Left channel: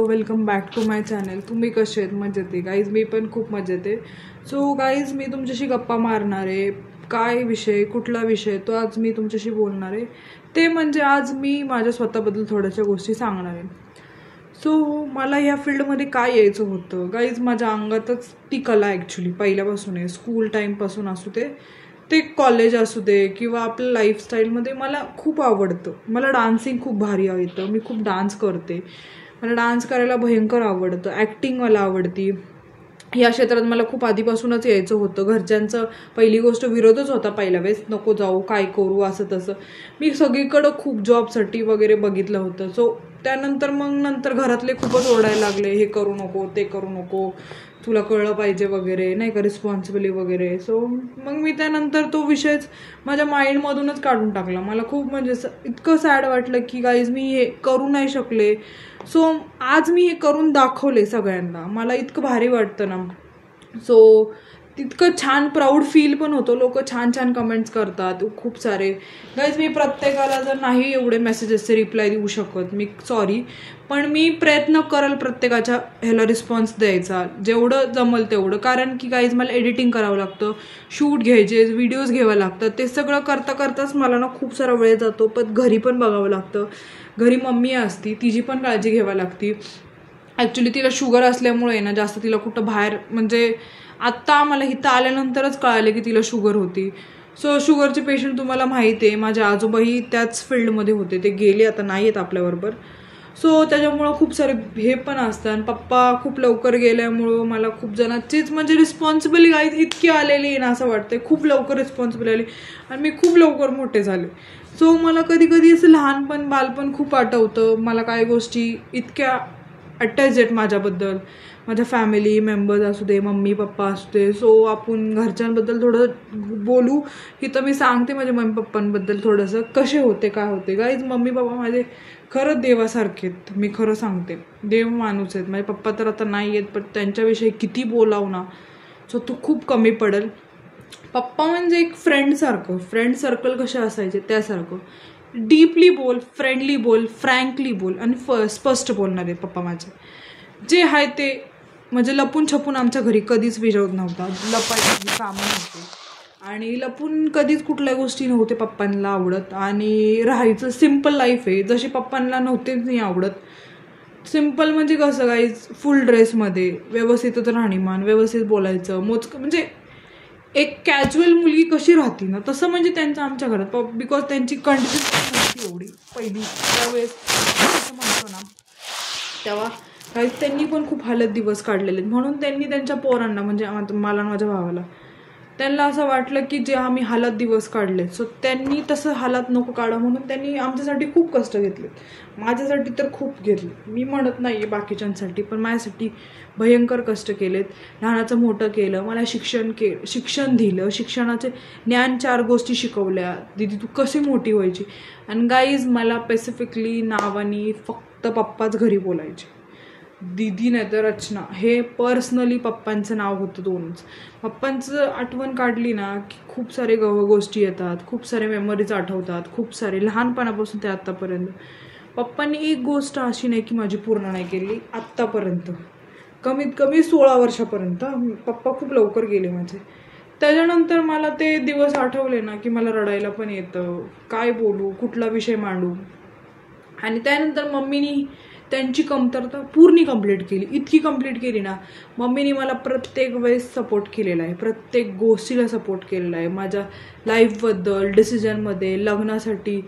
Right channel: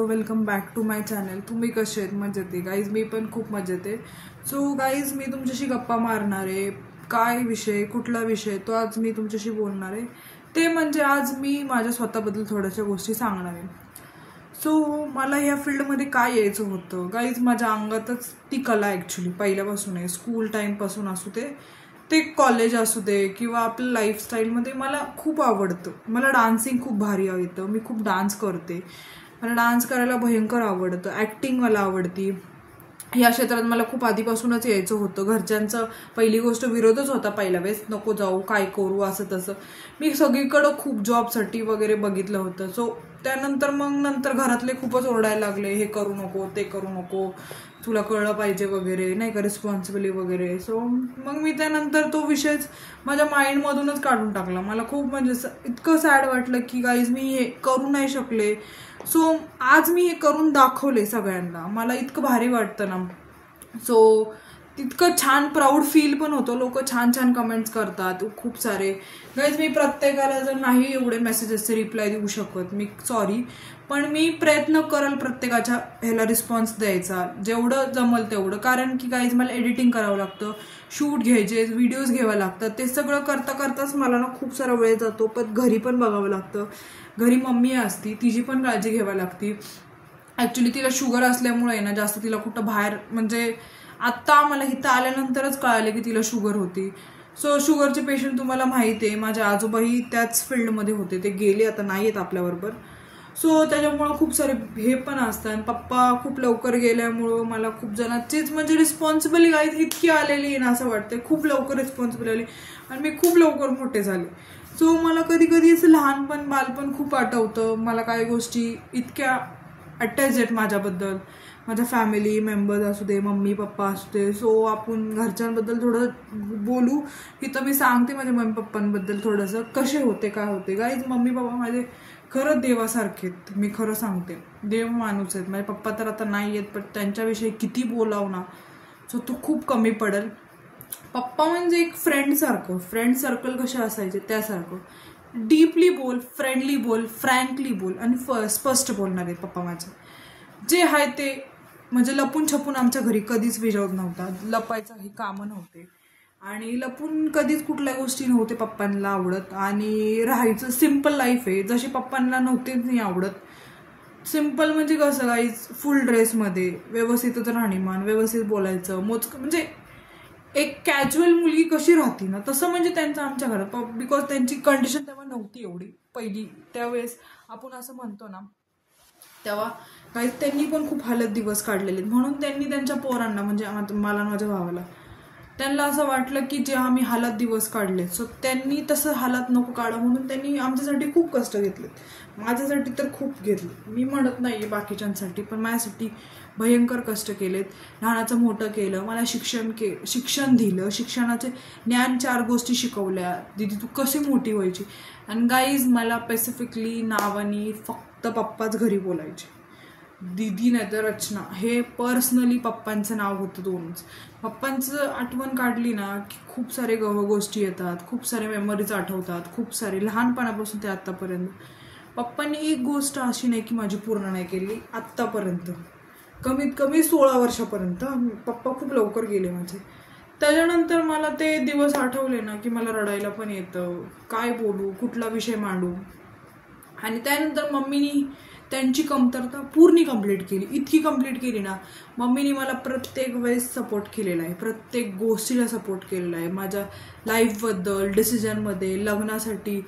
Welcome back to my channel. तुम्ही कसे आहेत? मजेत आहे गाईज? मी पण खूप मजेत आहे. सो गाईज, मी तुमच्याशी गप्पा मारणार आहे. काय विषय, कुठला विषय, तो आज मी तुमच्याशी बोलणार आहे. ते म्हणजे आज मी माझ्या स्वतःबद्दल थोड्याशा गोष्टी सांगणार आहे. सो मला ह्या फील्डमध्ये काय यायचं होतं गाईज, माझ्या अंगातच ती कला ॲक्च्युली पहिल्यापासून आहे. स्कूल टाईमपासून असू ते कॉलेज असू दे किंवा आपल्या लाईफस्टाईलमध्ये मला खूप आवडतं. मला डान्सिंग खूप भारी येतं. मी खूप डान्स करते. मला डान्स करायला भयंकर आवडतं. ॲक्टिंग मला आवडती. या क्षेत्रात मला खूप आधीपासूनच यायचं होतं. घरच्यांचं पहिली गोष्ट विरोधच होता पहिल्या वेळेस, नको जाऊ, काय करू, असं तसं. मी सगळीकडं खूप जॉबसाठी वगैरे बघितलं होतं. सो त्यानंतर नंतर घरातले खूपच ओरडायला लागले, हे करू नको, ते करू नको, तुला कळलं पाहिजे वगैरे, नाही का, रिस्पॉन्सिबिलिटी वगैरे. सो मग मी त्यानंतर तो विषयच माझ्या माइंडमधूनच काढून टाकला. मला खूप म्हणजे इतकं सॅड वाटलं की गाईज मी हे करू नाही शकले. सो आज मी हे करून दाखवले सगळ्यांना. मला इतकं भारी वाटतं ना. सो तितकं छान प्राऊड फील पण होतो. लोक छान छान कमेंट्स करतात खूप सारे. गाईज मी प्रत्येकाला जर नाही एवढे मेसेजेसचे रिप्लाय देऊ शकत, मी सॉरी, पण मी प्रयत्न करेल प्रत्येकाच्या ह्याला रिस्पॉन्स द्यायचा, जेवढं जमल तेवढं. कारण की गाईज मला एडिटिंग करावं लागतं, शूट घ्यायचे, व्हिडिओज घ्यावं लागतात. ते सगळं करता करताच मला ना खूप सारा वेळ जातो. पण घरी पण बघावं लागतं. घरी मम्मी असती, तिची पण काळजी घ्यावी लागती. ॲक्च्युली तिला शुगर असल्यामुळे ना जास्त तिला कुठं बाहेर, म्हणजे आत्ता मला इथं आल्यानंतरच कळालं की तिला शुगर होती. सो शुगरचे पेशंट तुम्हाला माहिती आहे, माझे आजोबाही त्याच फील्डमध्ये होते. ते गेले, आता नाही आहेत आपल्याबरोबर. सो त्याच्यामुळं खूप सारे हे पण असतात. आणि पप्पा खूप लवकर गेल्यामुळं मला खूप जणांचीच म्हणजे रिस्पॉन्सिबिलिटी गाईज इतकी आलेली आहे ना, असं वाटतंय खूप लवकर रिस्पॉन्सिबिलिटी आली आणि मी खूप लवकर मोठे झाले. सो मला कधी कधी असं लहानपण, बालपण खूप आठवतं. मला काही गोष्टी इतक्या अटॅच आहेत माझ्याबद्दल, माझ्या फॅमिली मेंबर्स असू दे, मम्मी पप्पा असू दे. सो आपण घरच्यांबद्दल थोडं बोलू. इथं मी सांगते माझ्या मम्मी पप्पांबद्दल थोडंसं कसे होते, काय होते. गाईज मम्मी पप्पा माझे खरंच देवासारखे आहेत. मी खरं सांगते, देव माणूस आहेत. माझे पप्पा तर आता नाही आहेत, पण त्यांच्याविषयी किती बोलावं ना, सो तो खूप कमी पडेल. पप्पा म्हणजे एक फ्रेंडसारखं, फ्रेंड सर्कल कसे असायचे त्यासारखं. डीपली बोल, फ्रेंडली बोल, फ्रँकली बोल आणि स्पष्ट बोलणारे पप्पा माझे. जे आहे ते म्हणजे लपून छपून आमच्या घरी कधीच विरोध नव्हता. लपायची कामं नव्हते आणि लपून कधीच कुठल्या गोष्टी नव्हते पप्पांना आवडत. आणि राहायचं सिम्पल लाईफ आहे, जशी पप्पांना नव्हतेच नाही आवडत. सिम्पल म्हणजे कसं गाईज, फुल ड्रेसमध्ये व्यवस्थितच राहणीमान, व्यवस्थित बोलायचं, मोजकं, म्हणजे एक कॅज्युअल मुलगी कशी राहते ना तसं म्हणजे त्यांचं आमच्या घरात. बिकॉज त्यांची कंडिशन नव्हती एवढी पहिली त्यावेळेस असं म्हणतो ना, तेव्हा काहीच त्यांनी पण खूप हालत दिवस काढलेले. म्हणून त्यांनी त्यांच्या पोरांना, म्हणजे मला माझ्या भावाला, त्यांना असं वाटलं की जे आम्ही हालत दिवस काढले, सो त्यांनी तसं हालत नको काढा म्हणून त्यांनी आमच्यासाठी खूप कष्ट घेतले. माझ्यासाठी तर खूप घेतले, मी म्हणत नाही बाकीच्यांसाठी, पण माझ्यासाठी भयंकर कष्ट केलेत. लहानाचं मोठं केलं, मला शिक्षण दिलं, शिक्षणाचे ज्ञान 4 गोष्टी शिकवल्या. दीदी तू कशी मोठी व्हायची. आणि गाईज मला स्पेसिफिकली नावानी फक्त पप्पाच घरी बोलायचे. दीदी नाही तर रचना, हे पर्सनली पप्पांचं नाव होतं. 2च. पप्पांचं आठवण काढली ना की खूप सारे गोष्टी येतात, खूप सारे मेमरीज आठवतात, खूप सारे लहानपणापासून ते आत्तापर्यंत. पप्पांनी एक गोष्ट अशी नाही की माझी पूर्ण नाही केली आत्तापर्यंत. कमीत कमी 16 वर्षापर्यंत. पप्पा खूप लवकर गेले माझे. त्याच्यानंतर मला ते दिवस आठवले ना की मला रडायला पण येतं. काय बोलू, कुठला विषय मांडू. आणि त्यानंतर मम्मीनी त्यांची कमतरता पूर्ण कंप्लीट केली. इतकी कंप्लीट केली ना, मम्मीने मला प्रत्येक वेळेस सपोर्ट केलेला आहे, प्रत्येक गोष्टीला सपोर्ट केलेला आहे. माझ्या लाईफबद्दल, डिसिजनमध्ये, लग्नासाठी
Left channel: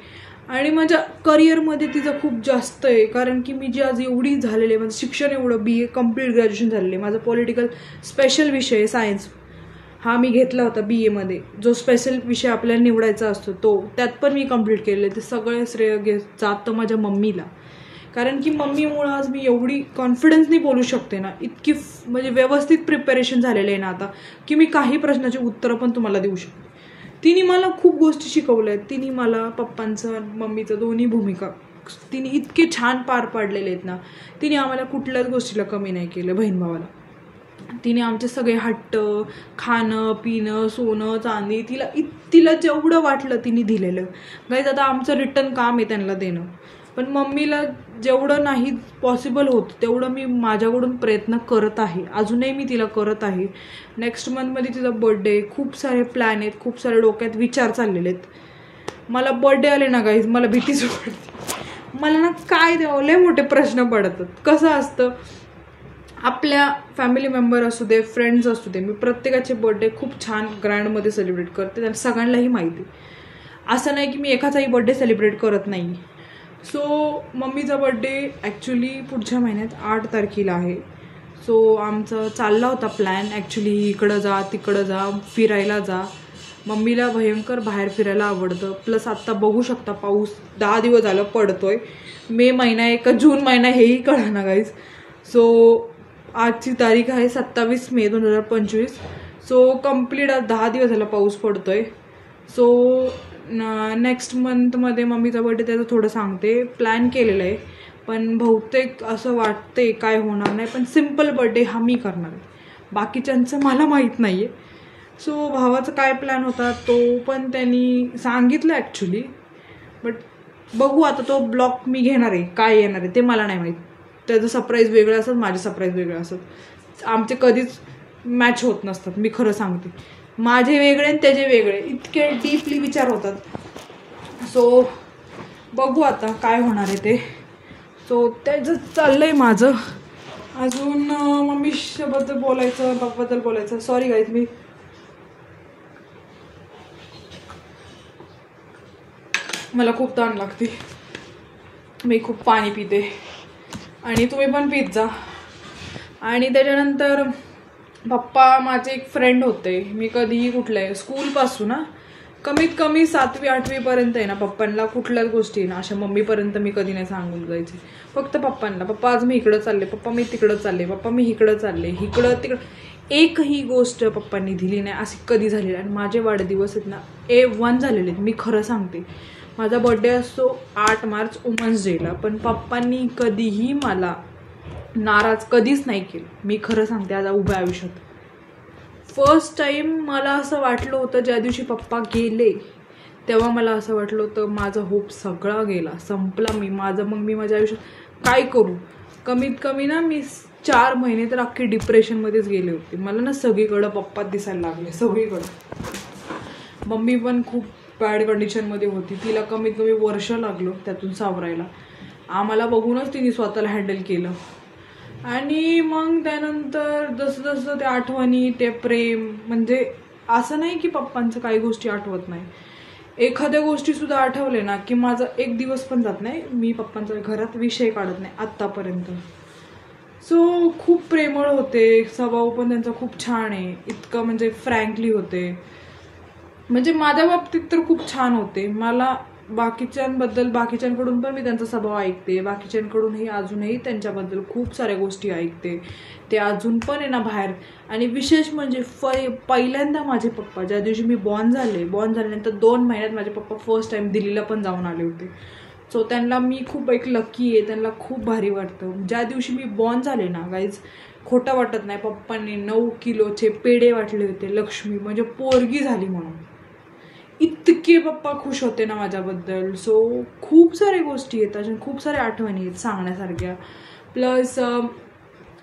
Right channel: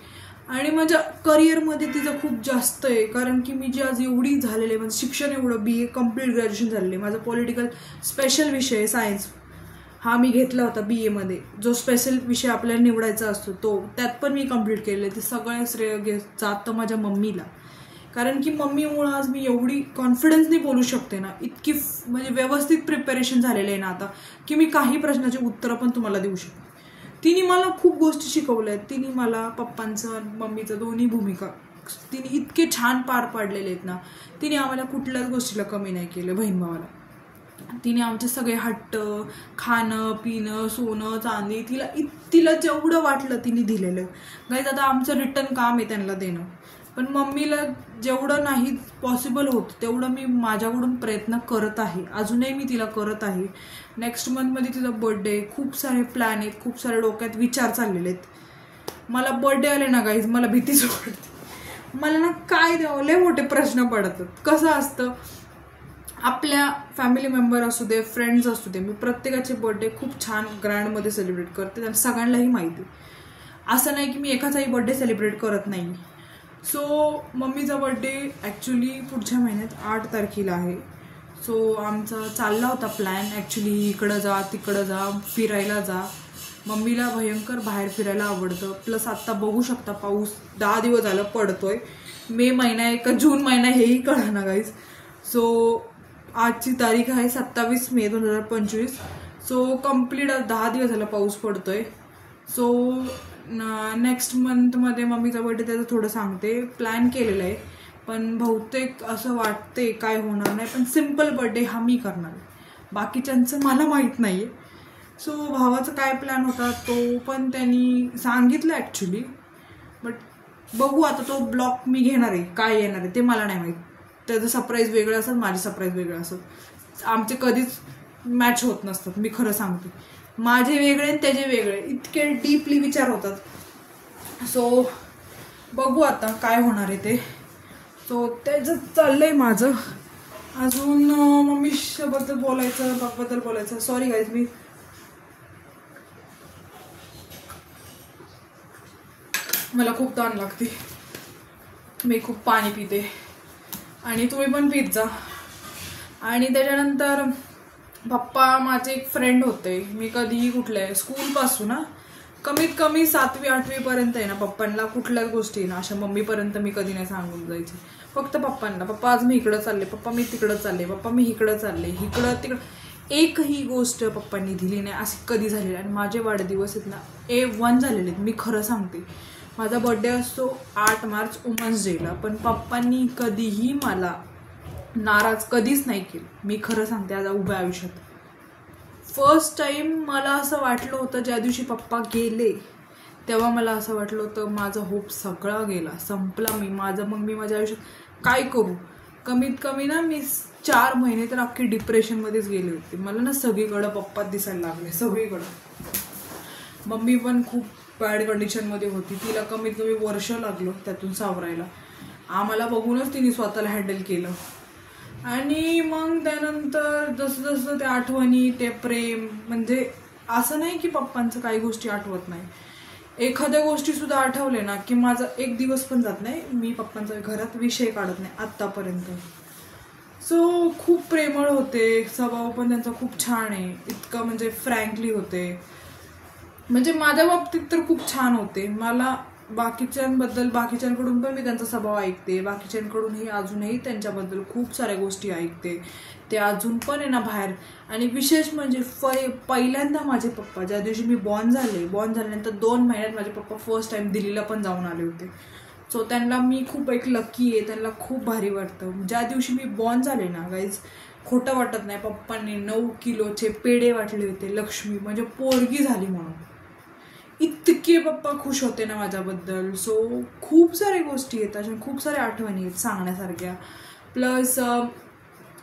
आणि माझ्या करिअरमध्ये तिचं खूप जास्त आहे. कारण की मी जी आज एवढी झालेली आहे, माझं शिक्षण एवढं, BA कम्प्लीट ग्रॅज्युएशन झालेलं आहे. माझा पॉलिटिकल स्पेशल विषय सायन्स हा मी घेतला होता BA मध्ये. जो स्पेशल विषय आपल्याला निवडायचा असतो तो, त्यात पण मी कम्प्लीट केलेलं आहे. ते सगळं श्रेय जातं माझ्या मम्मीला. कारण की मम्मीमुळं आज मी एवढी कॉन्फिडन्सनी बोलू शकते ना, इतकी म्हणजे व्यवस्थित प्रिपरेशन झालेलं आहे ना आता, की मी काही प्रश्नाची उत्तरं पण तुम्हाला देऊ शकते. तिने मला खूप गोष्टी शिकवल्या आहेत. तिने मला पप्पांचं मम्मीचं दोन्ही भूमिका तिने इतके छान पार पाडलेले आहेत ना. तिने आम्हाला कुठल्याच गोष्टीला कमी नाही केलं. बहीण भावाला तिने आमचे सगळे हट्ट, खाणं पिणं, सोनं चांदी, तिला जेवढं वाटलं तिने दिलेलं. गाईज आता आमचं रिटर्न काम आहे त्यांना देणं. पण मम्मीला जेवढं नाही पॉसिबल होतं तेवढं मी माझ्याकडून प्रयत्न करत आहे, अजूनही मी तिला करत आहे. नेक्स्ट मंथमध्ये तिचा बर्थडे, खूप सारे प्लॅन आहेत, खूप सारे डोक्यात विचार चाललेले आहेत. मला बर्थडे आले ना गाईज मला भीतीच वाटते. मला ना काय द्यावं लय मोठे प्रश्न पडतात. कसं असतं आपल्या फॅमिली मेंबर असू दे, फ्रेंड्स असू दे, मी प्रत्येकाचे बर्थडे खूप छान ग्रँडमध्ये सेलिब्रेट करते, त्यांना सगळ्यांनाही माहिती. असं नाही की मी एकाचाही बर्थडे सेलिब्रेट करत नाही. सो मम्मीचा बर्थडे ॲक्च्युली पुढच्या महिन्यात 8 तारखेला आहे. सो आमचा चालला होता प्लॅन ॲक्च्युली इकडं जा तिकडं जा फिरायला जा. मम्मीला भयंकर बाहेर फिरायला आवडतं. प्लस आत्ता बघू शकता पाऊस 10 दिवस झालं पडतोय. मे महिना आहे का जून महिना हेही कळना गाईज. सो आजची तारीख आहे 27 मे 2025. सो कंप्लीट 10 दिवस झाला पाऊस पडतोय. सो नेक्स्ट मंथमध्ये मम्मीचा बर्थडे त्याचं थोडं सांगते, प्लॅन केलेलं आहे. पण बहुतेक असं वाटते काय होणार नाही, पण सिम्पल बर्थडे हा मी करणार आहे, बाकीच्यांचं मला माहीत नाही आहे. सो भावाचा काय प्लॅन होता तो पण त्यांनी सांगितलं ॲक्च्युली, बट बघू आता तो ब्लॉग मी घेणार आहे, काय येणार आहे ते मला नाही माहीत. त्याचं सरप्राईज वेगळं असतं, माझे सरप्राईज वेगळं असतं. आमचे कधीच मॅच होत नसतात, मी खरं सांगते. माझे वेगळे आणि त्याचे वेगळे, इतके डीपली विचार होतात. सो बघू आता काय होणार आहे ते. सो त्याचं चाललंय माझं. अजून मम्मीबद्दल बोलायचं, पप्पाबद्दल बोलायचं. सॉरी गाईज मला खूप ताण लागते, मी खूप पाणी पिते आणि तुम्ही पण पित जा. आणि त्याच्यानंतर पप्पा माझे एक फ्रेंड होते, मी कधीही कुठल्या स्कूलपासून ना कमीत कमी 7वी 8वी पर्यंत आहे ना पप्पांना कुठल्याच गोष्टी ना अशा मम्मीपर्यंत मी कधी नाही सांगून जायचे. फक्त पप्पांना, पप्पा आज मी इकडं चालले, पप्पा मी तिकडं चालले, पप्पा मी इकडं चालले, इकडं तिकडं. एकही गोष्ट पप्पांनी दिली नाही अशी कधी झालेली. आणि माझे वाढदिवस आहेत ना A1 झालेले आहेत, मी खरं सांगते. माझा बर्थडे असतो 8 मार्च वुमन्स डेला, पण पप्पांनी कधीही मला नाराज कधीच नाही केलं, मी खरं सांगते. आज उभ्या आयुष्यात फर्स्ट टाइम मला असं वाटलं होतं ज्या दिवशी पप्पा गेले तेव्हा मला असं वाटलं होतं माझा होप सगळा गेला, संपला. मी माझ्या आयुष्यात काय करू. कमीत कमी ना मी 4 महिने तर अख्खी डिप्रेशनमध्येच गेले होते. मला ना सगळीकडं पप्पा दिसायला लागले, सगळीकडं. मम्मी पण खूप बॅड कंडिशनमध्ये होती, तिला कमीत कमी वर्ष लागलं त्यातून सावरायला. आम्हाला बघूनच तिने स्वतःला हँडल केलं. आणि मग त्यानंतर जसं जसं त्या आठवणी, ते प्रेम, म्हणजे असं नाही की पप्पांचं काही गोष्टी आठवत नाही, एखाद्या गोष्टी सुद्धा आठवले ना की माझा एक दिवस पण जात नाही मी पप्पांचा घरात विषय काढत नाही आत्तापर्यंत. सो खूप प्रेमळ होते, स्वभाव पण त्यांचा खूप छान आहे, इतकं म्हणजे फ्रँकली होते. म्हणजे माझ्या बाबतीत तर खूप छान होते. मला बाकीच्यांकडून पण मी त्यांचा स्वभाव ऐकते, बाकीच्यांकडूनही अजूनही त्यांच्याबद्दल खूप साऱ्या गोष्टी ऐकते. ते अजून पण आहे ना बाहेर. आणि विशेष म्हणजे पहिल्यांदा माझे पप्पा ज्या दिवशी मी बॉर्न झाल्यानंतर 2 महिन्यात माझे पप्पा फर्स्ट टाइम दिल्लीला पण जाऊन आले होते. सो त्यांना मी खूप एक लकी आहे, त्यांना खूप भारी वाटतं. ज्या दिवशी मी बॉर्न झाले ना गाईज, खोटं वाटत नाही, पप्पांनी 9 किलोचे पेढे वाटले होते, लक्ष्मी म्हणजे पोरगी झाली म्हणून. इतके पप्पा खुश होते ना माझ्याबद्दल. सो खूप साऱ्या गोष्टी आहेत, अशा खूप साऱ्या आठवणी आहेत सांगण्यासारख्या. प्लस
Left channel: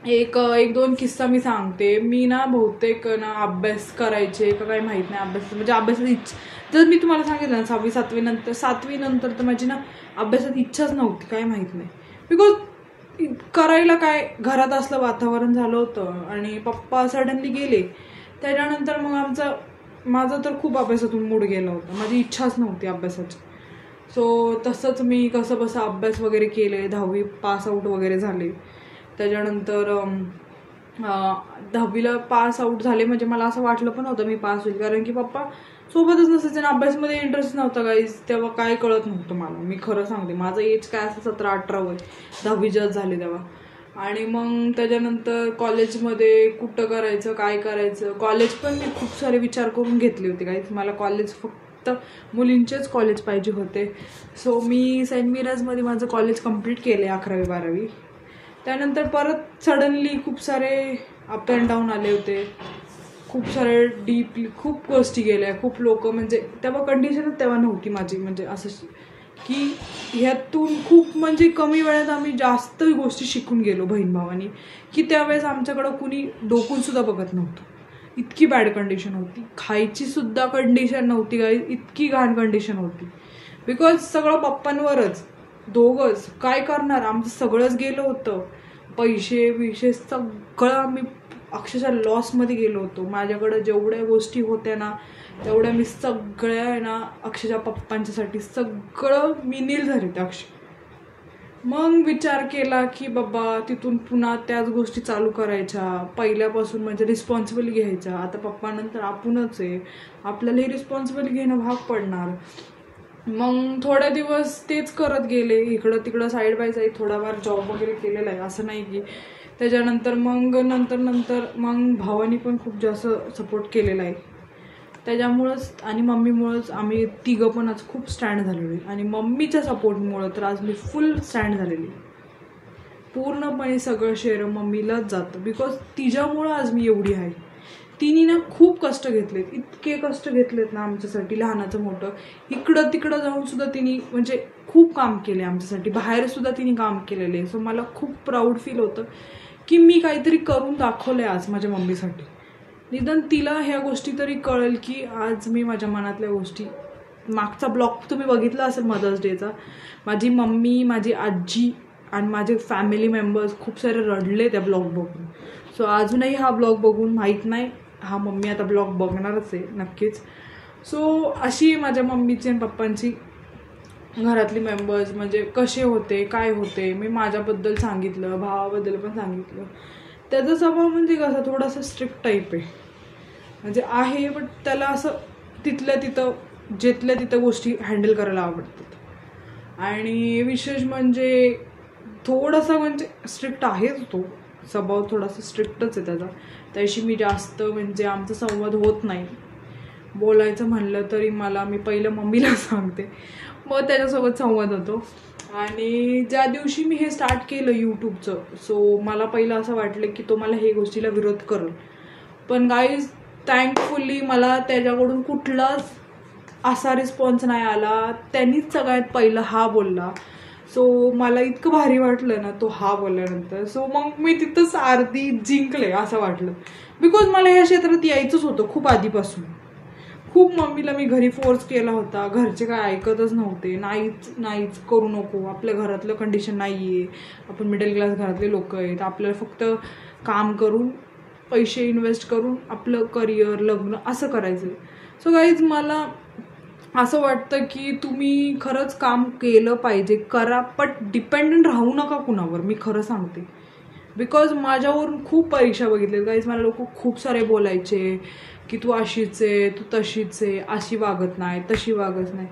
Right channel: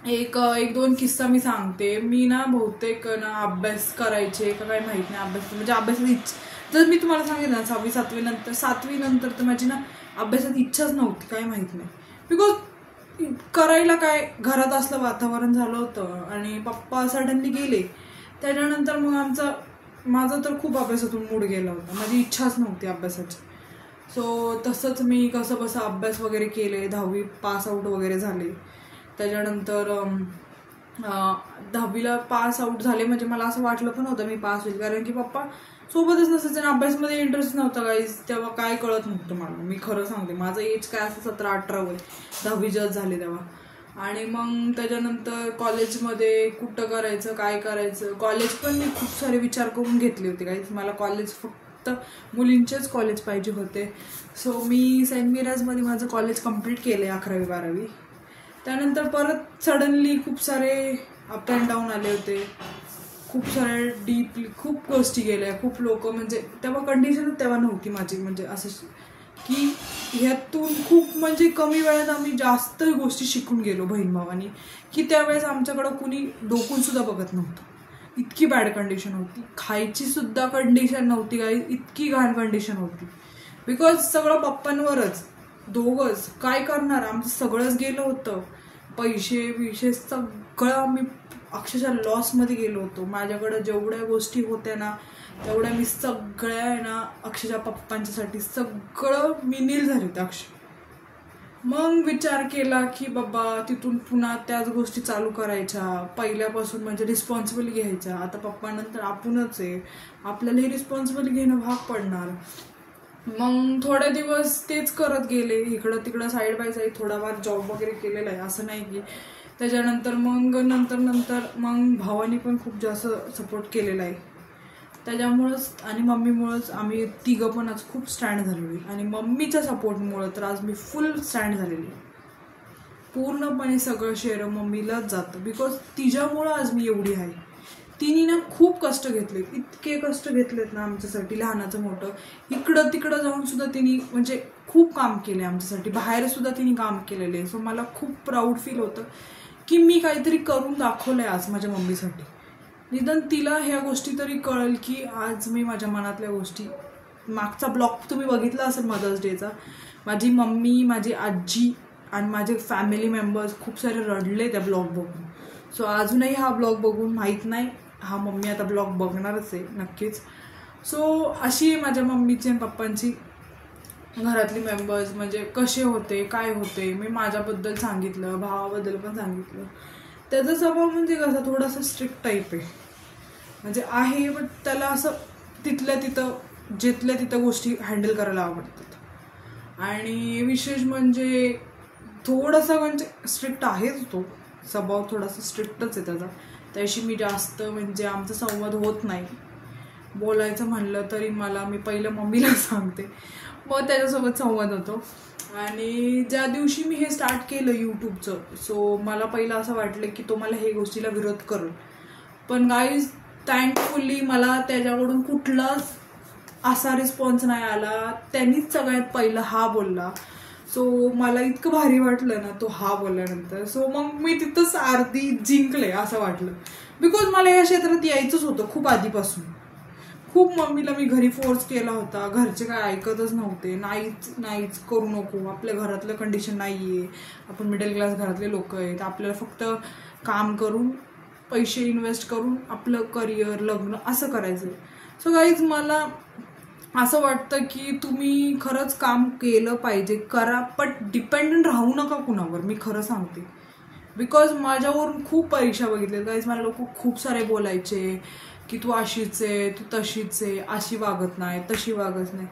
एक 2 किस्सा मी सांगते. मी ना बहुतेक ना अभ्यास करायचे का काही माहीत नाही, अभ्यासाची इच्छा, जर मी तुम्हाला सांगितलं ना 6वी 7वी नंतर तर माझी ना अभ्यासात इच्छाच नव्हती, काय माहीत नाही. बिकॉज करायला काय, घरात असलं वातावरण झालं होतं आणि पप्पा सडनली गेले. त्याच्यानंतर मग माझा तर खूप अभ्यासातून मूड गेला होता, माझी इच्छाच नव्हती अभ्यासाची. सो तसंच मी कसं बसं अभ्यास वगैरे केले, 10वी पास आऊट वगैरे झाले. त्याच्यानंतर 10वीला पास आऊट झाले म्हणजे मला असं वाटलं पण होतं मी पास होईल, कारण की पप्पा सोबतच नसायचे, अभ्यासमध्ये इंटरेस्ट नव्हता गाईज. तेव्हा काय कळत नव्हतं मला, मी खरं सांगते. माझं एज काय असं 17-18 वय, 10वी जस्ट झाले तेव्हा. आणि मग त्याच्यानंतर कॉलेजमध्ये कुठं करायचं, काय करायचं, कॉलेज पण मी खूप सारे विचार करून घेतले होते गाईज. मला कॉलेज फक्त मुलींचेच कॉलेज पाहिजे होते. सो मी सेंट मिराजमध्ये माझं कॉलेज कंप्लीट केले 11वी 12वी. त्यानंतर परत सडनली खूप सारे अप अँड डाऊन आले होते, खूप सारे डीपली खूप गोष्टी गेल्या, खूप लोक, म्हणजे तेव्हा कंडिशनच तेव्हा नव्हती माझी, म्हणजे असं की ह्यातून खूप म्हणजे कमी वेळात आम्ही जास्त गोष्टी शिकून गेलो बहीण भावानी, की त्यावेळेस आमच्याकडं कुणी डोकून सुद्धा बघत नव्हतं. इतकी बॅड कंडिशन होती, खायची सुद्धा कंडिशन नव्हती गाईज, इतकी घाण कंडिशन होती. बिकॉज सगळं पप्पांवरच, दोघंच काय करणार, आमचं सगळंच गेलं होतं. पैसे सगळं आम्ही अक्षरशः लॉसमध्ये गेलो होतो. माझ्याकडे जेवढ्या गोष्टी होत्या ना तेवढ्या मी सगळ्या आहे ना अक्षरशः पप्पांच्यासाठी सगळं मी नील झाले अक्षय. मग विचार केला की बाबा तिथून पुन्हा त्याच गोष्टी चालू करायच्या पहिल्यापासून, म्हणजे रिस्पॉन्सिबल घ्यायच्या. आता पप्पानंतर आपणच आहे, आपल्यालाही रिस्पॉन्सिबल घेणं भाग पडणार. मग थोड्या दिवस तेच करत गेले, इकडं तिकडं साईड बाय साईड थोडाफार जॉब वगैरे केलेला आहे, असं नाही की. त्याच्यानंतर मग नंतर मग भावानी पण खूप जास्त सपोर्ट केलेला आहे. त्याच्यामुळंच आणि मम्मीमुळंच आम्ही तिघं पण आज खूप स्टँड झालेलो आहे. आणि मम्मीच्या सपोर्टमुळं तर आज मी फुल स्टँड झालेली. पूर्णपणे सगळं श्रेय मम्मीलाच जातं. बिकॉज तिच्यामुळं आज मी एवढी आहे. तिने ना खूप कष्ट घेतलेत, इतके कष्ट घेतलेत ना आमच्यासाठी, लहानाचं मोठं. इकडं तिकडं जाऊन सुद्धा तिने म्हणजे खूप काम केले आमच्यासाठी, बाहेर सुद्धा तिने काम केलेलं आहे. सो मला खूप प्राऊड फील होतं की मी काहीतरी करून दाखवलंय आज माझ्या मम्मीसाठी. निदान तिला ह्या गोष्टी तरी कळेल की आज मी माझ्या मनातल्या गोष्टी. मागचा ब्लॉग तुम्ही बघितला असेल मदर्स डेचा, माझी मम्मी, माझी आजी आणि माझे फॅमिली मेंबर्स खूप सारे रडले त्या ब्लॉग बघून. सो अजूनही हा ब्लॉग बघून माहीत नाही, हा मम्मी आता ब्लॉग बघणारच आहे नक्कीच. सो अशी माझ्या मम्मीची आणि पप्पांची घरातली मेंबर्स म्हणजे कसे होते, काय होते, मी माझ्याबद्दल सांगितलं, भावाबद्दल पण सांगितलं. त्याचा स्वभाव म्हणजे कसा थोडासा स्ट्रिक्ट टाईप आहे, म्हणजे आहे, बट त्याला असं तिथल्या तिथं गोष्टी हँडल करायला आवडतात. आणि विशेष म्हणजे थोडंसं म्हणजे स्ट्रिक्ट आहेच तो, स्वभाव थोडासा स्ट्रिक्टच आहे त्याचा. त्याशी मी जास्त म्हणजे आमचा संवाद होत नाही. बोलायचं म्हणलं तरी मी पहिलं मम्मीला सांगते, मग त्याच्यासोबत संवाद होतो. आणि ज्या दिवशी मी हे स्टार्ट केलं यूट्यूबचं, सो मला पहिलं असं वाटलं की तो मला हे गोष्टीला विरोध करेल. पण गाईज थँकफुली मला त्याच्याकडून कुठलाच असा रिस्पॉन्स नाही आला. त्यांनीच सगळ्यात पहिलं हा बोलला. सो मला इतकं भारी वाटलं ना तो हा बोलल्यानंतर. सो मग मी तिथंच अर्धी जिंकले असं वाटलं. बिकॉज मला या क्षेत्रात यायचंच होतं खूप आधीपासून. खूप मम्मीला मी घरी फोर्स केला होता, घरचे काय ऐकतच नव्हते. नाहीच करू नको, आपल्या घरातलं कंडिशन नाहीये, आपण मिडल क्लास घरातले लोक आहेत, आपल्याला फक्त काम करून पैसे इन्व्हेस्ट करून आपलं करिअर, लग्न असं करायचं. सो गाईज मला असं वाटतं की तुम्ही खरंच काम केलं पाहिजे, करा, पण डिपेंडंट राहू नका कुणावर. मी खरं सांगते, बिकॉज माझ्यावरून खूप परीक्षा बघितल्या गाईज. मला लोक खूप सारे बोलायचे की तू अशीच आहे, तू तशीच आहे, अशी वागत नाही, तशी वागत नाही.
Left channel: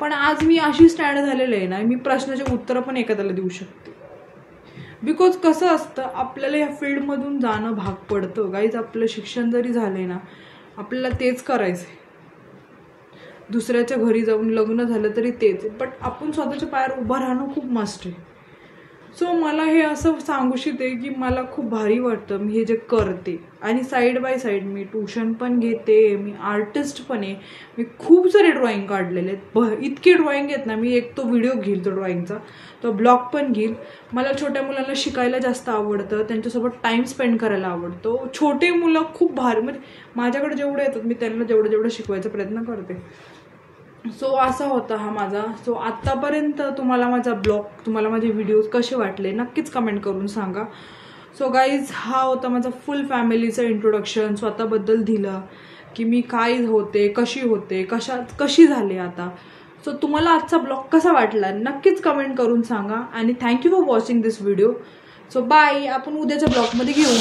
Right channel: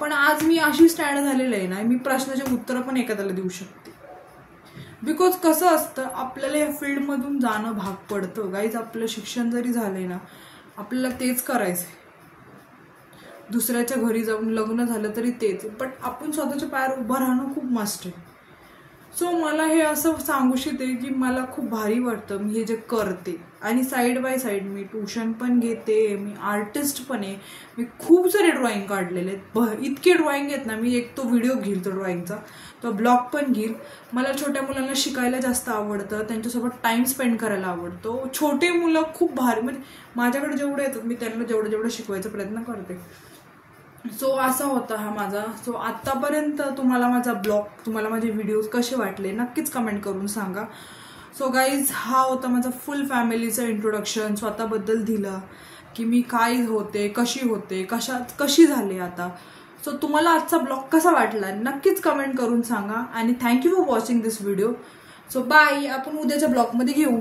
पण आज मी अशी स्टँड झालेलं आहे ना, मी प्रश्नाचे उत्तर पण एखाद्याला देऊ शकते. बिकॉज कसं असतं, आपल्याला या फील्डमधून जाणं भाग पडतं गाईज. आपलं शिक्षण जरी झालंय ना, आपल्याला तेच करायचंय. दुसऱ्याच्या घरी जाऊन लग्न झालं तरी तेच, बट आपण स्वतःच्या पायावर उभं राहणं खूप मस्ट आहे. सो मला हे असं सांगूशी आहे की मला खूप भारी वाटतं मी हे जे करते. आणि side by side me tuition पण घेते, मी आर्टिस्ट पण आहे. मी खूप सारे ड्रॉइंग काढलेले आहेत, इतके ड्रॉइंग आहेत ना. मी एक तो व्हिडिओ घेईल तो ड्रॉइंगचा, तो ब्लॉग पण घेईल. मला छोट्या मुलांना शिकायला जास्त आवडतं, त्यांच्यासोबत टाइम स्पेंड करायला आवडतो. छोटे मुलं खूप भारी, म्हणजे माझ्याकडे जेवढे येतात मी त्यांना जेवढं शिकवायचा प्रयत्न करते. सो असा होता हा माझा. सो आत्तापर्यंत तुम्हाला माझा ब्लॉग, तुम्हाला माझे व्हिडिओज कसे वाटले नक्कीच कमेंट करून सांगा. सो गाईज हा होता माझा फुल फॅमिलीचं इंट्रोडक्शन, स्वतःबद्दल दिलं की मी काय होते, कशी झाले आता. सो तुम्हाला आजचा ब्लॉग कसा वाटला नक्कीच कमेंट करून सांगा. आणि thank you for watching this video. So bye, आपण उद्याच्या ब्लॉगमध्ये घेऊ.